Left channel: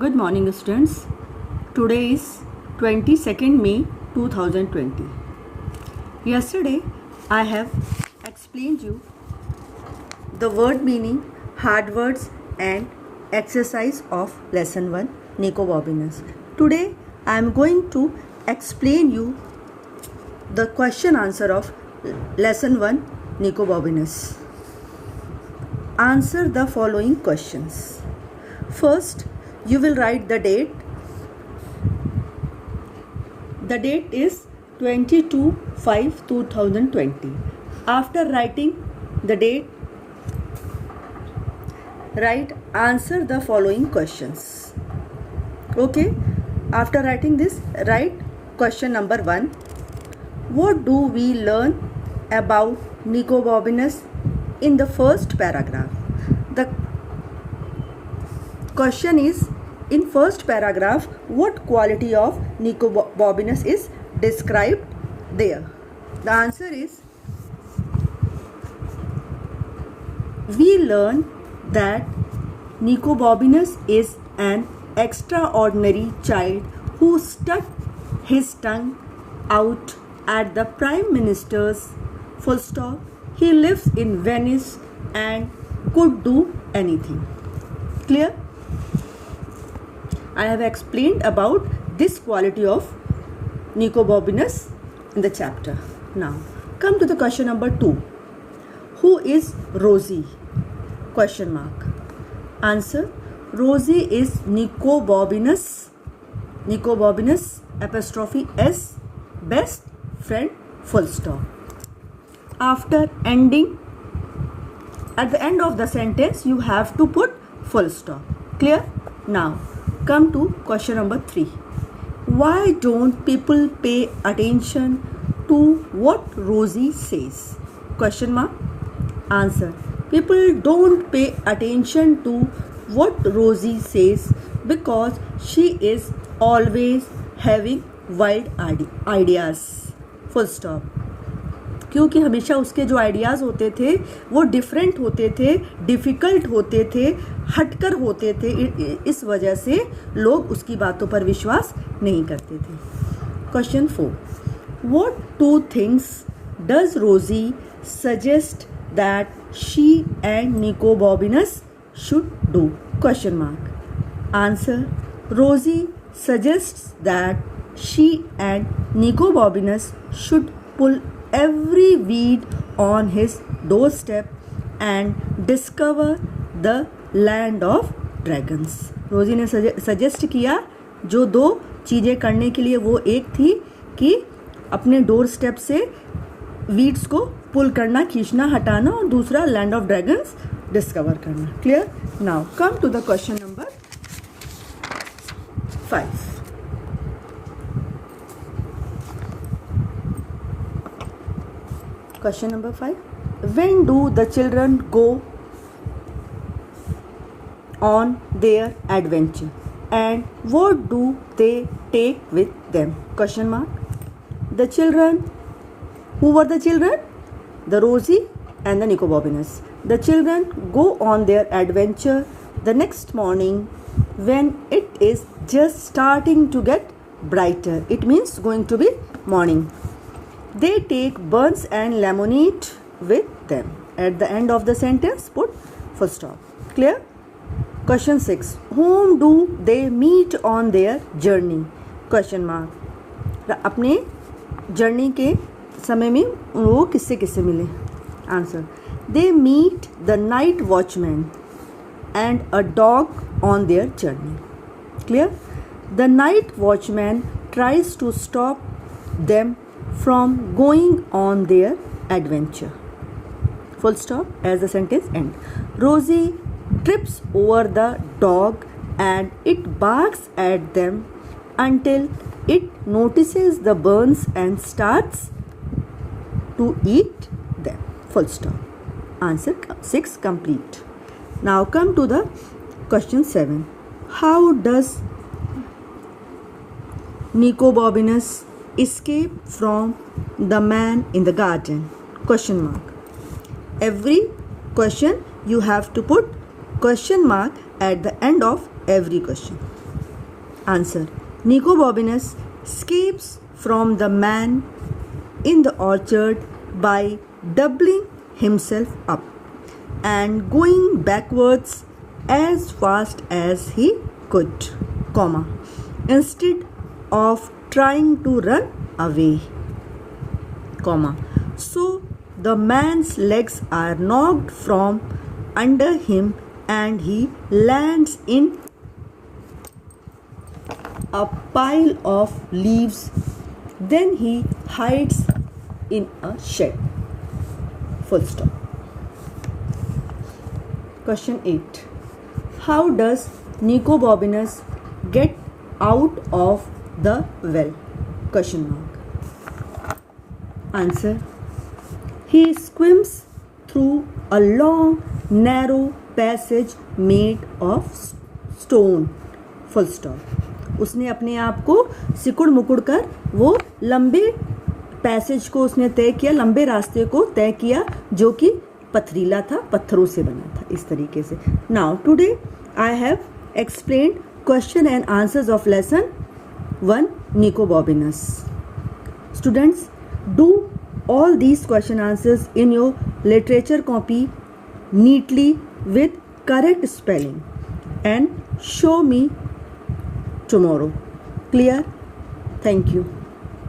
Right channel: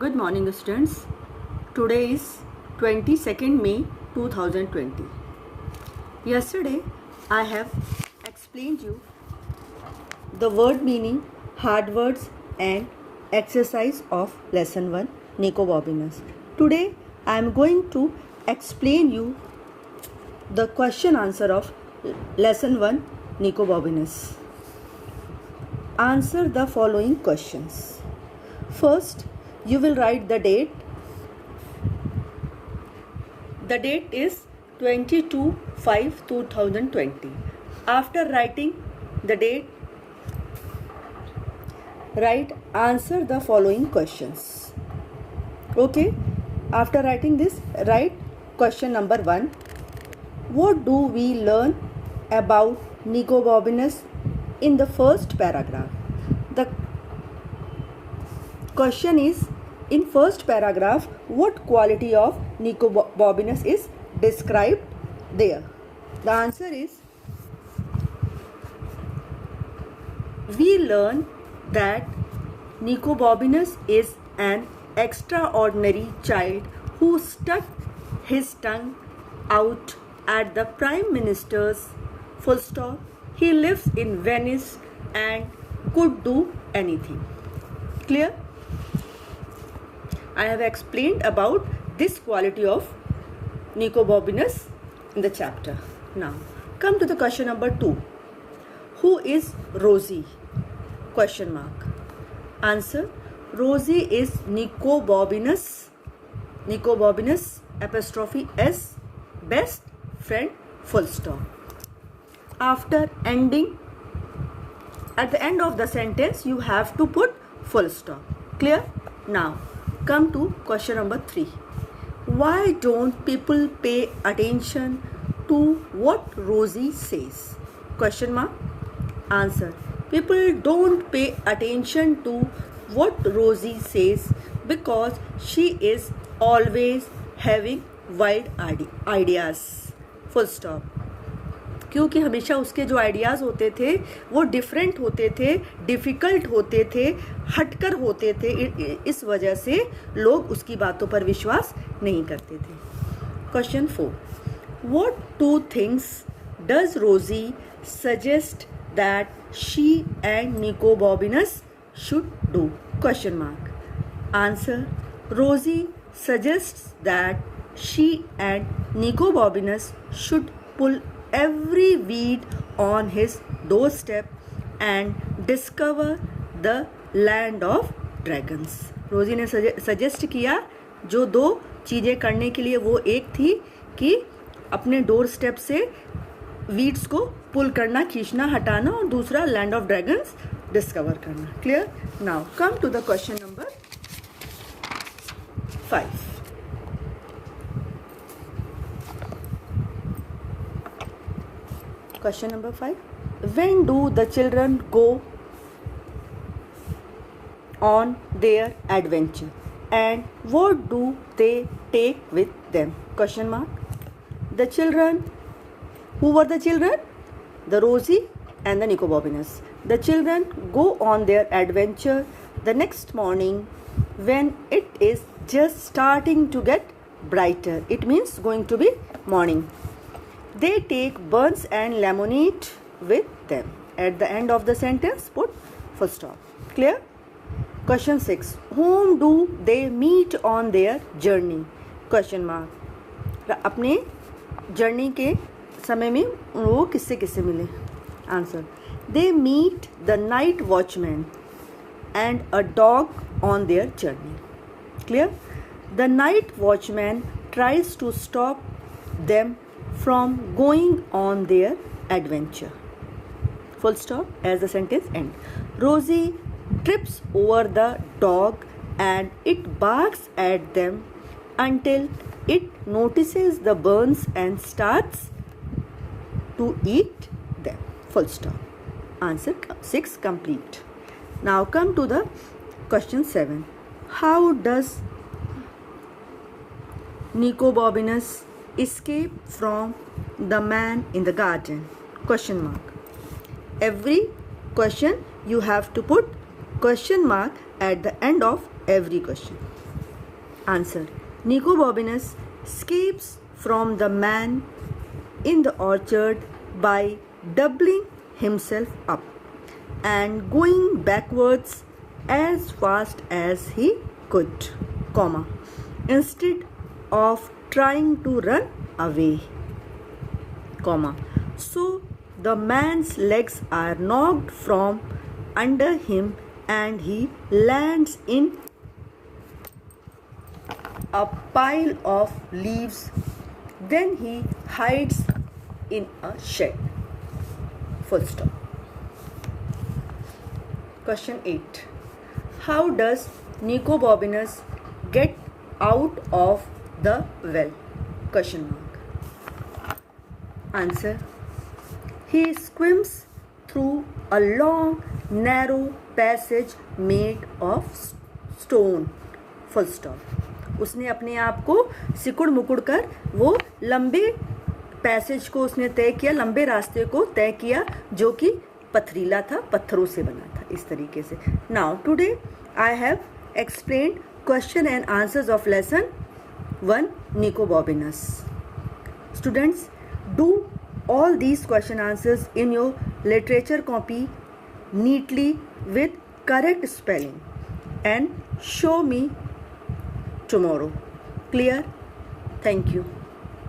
Good morning students. Today is 22nd May 2020. Yesterday I have explained you the word meaning, hard words and exercise of lesson 1 Nicobobinus. Today I am going to explain you the question answer of lesson 1 Nicobobinus. Answer the following questions. First, you will write the date. The date is 22/5/2020. After writing the date, write answer the following questions. Okay, after writing this, write question number 1. What do we learn about Nicobobinus in the first paragraph? The question is, in first paragraph, what quality of Nicobobinus is described there? The answer is, we learn that Nicobobinus is an extraordinary child who stuck his tongue out at the Prime Minister's full stop. He lives in Venice and could do anything. Clear? I have explained about this quality of Nicobobinus in the chapter. Now, come to the question number 2. Who is Rosie? Question mark. Answer. Rosie is Nicobobinus apostrophe S best friend full stop. After ending, at the end of the sentence, you have to put full stop. Clear? Now, come to question number 3. Why don't people pay attention to what Rosie says? Question mark. Answer. People don't pay attention to what Rosie says because she is always having wild ideas. Full stop. क्योंकि हमेशा उसके जो ideas होते थे वो different होते थे, difficult होते थे, हटकर होते थे. इस वजह से लोग उसकी बातों पर विश्वास नहीं करते थे. Question 4. What 2 things does Rosie suggest that she and Nicobobinus should do? Question mark. Answer. Rosie suggests that she and Nicobobinus should pull every weed on his doorstep and discover the land of dragons. रोजी ने suggest किया जो 2 चीज़ें करने के लिए, वो एक थी कि अपने डोर स्टेप से वीड्स को पुल करना, खींचना, हटाना, और दूसरा लैंड ऑफ ड्रैगन्स डिस्कवर करना. Clear? Now come to the question number 5. Question number 5. When do the children go on their adventure and what do they take with them? Question mark. The children, who were the children? The Rosie and the Nicobobinus. The children go on their adventure the next morning when it is just starting to get brighter. It means going to be morning. They take buns and lemonade with them. At the end of the sentence, put full stop. Clear? Question 6. Whom do they meet on their journey? Question mark. अपने journey के समय में वो किससे किससे मिले? Answer. They meet the night watchman and a dog on their journey. Clear? The night watchman tries to stop them from going on their adventure. Full stop as the sentence ends. Rosie trips over the dog and it barks at them until it notices the burns and starts to eat them. Full stop. Answer 6 complete. Now come to the question 7. How does Nicobobinus escape from the man in the garden? Question mark. Every question you have to put question mark at the end of every question. Answer. Nicobobinus escapes from the man in the orchard by doubling himself up and going backwards as fast as he could, comma, instead of trying to run away, comma. So the man's legs are knocked from under him and he lands in a pile of leaves. Then he hides in a shed. Full stop. Question 8. How does Nicobobinus get out of the well? Question mark. Answer. He swims through a long, narrow passage made of stone. Full stop. उसने अपने आप को सिकुड़ मुकुड़ कर वो लंबे passage को उसने तय किया, लंबे रास्ते को तय किया जो कि पथरीला था, पत्थरों से बना था, इस तरीके से. Now today I have explained question and answers of lesson 1 Nicobobinus. Students, do all these question answers in your literature copy neatly with correct spelling and show me tomorrow. Clear? Thank you.